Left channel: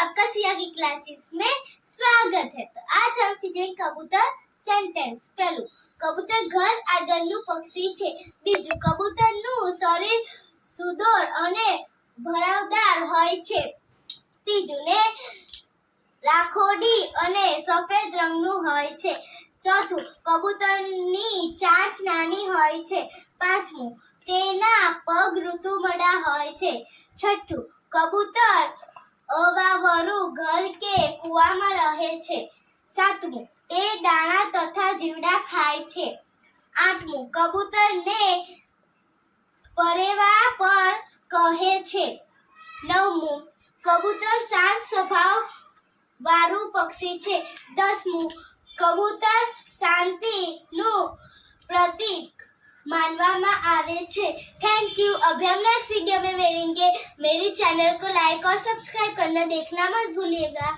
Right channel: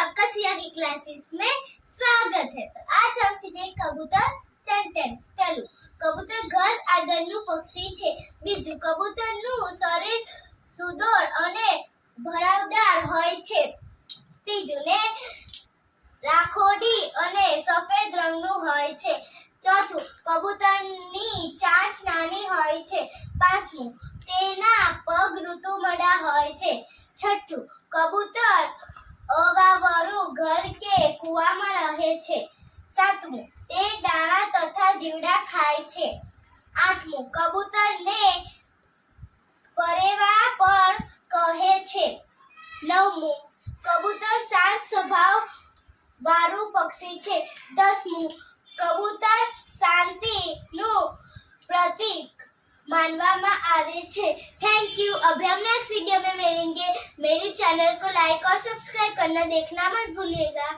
आपका सिया की क्लासेस में स्वागत है। तो आज हम सीखेंगे कबूतर सेंटेंस। पहलू, कबूतर घर આગળનું પક્ષી છે। બીજું, કબૂતરનું શરીર સુડોળ અને ભરાવદાર હોય છે। ત્રીજું, ને રાખોડી અને સફેદ રંગનું હોય છે। ચોથું, કબૂતરની ચાંચ નાની હોય છે। પાંચમું, તેના પગ ઋતુમડા હોય છે। છઠ્ઠું, કબૂતર અવાવરું ઘર કે કૂવામાં રહે છે। સાતમું, તે દાણા તથા જીવડા ખાય છે। આઠમું, કબૂતરને પરેવા પણ કહે છે। નવમું, કબૂતર શાંત સ્વભાવ વાળું પક્ષી છે। 10મું, કબૂતર શાંતિનું प्रतीक मानवामा आवे छे। Thank you. अभी हम नेक्स्ट वीडियो में मिलेंगे। मेरी चैनल को लाइक और सब्सक्राइब करना देखना मत भूलिएगा।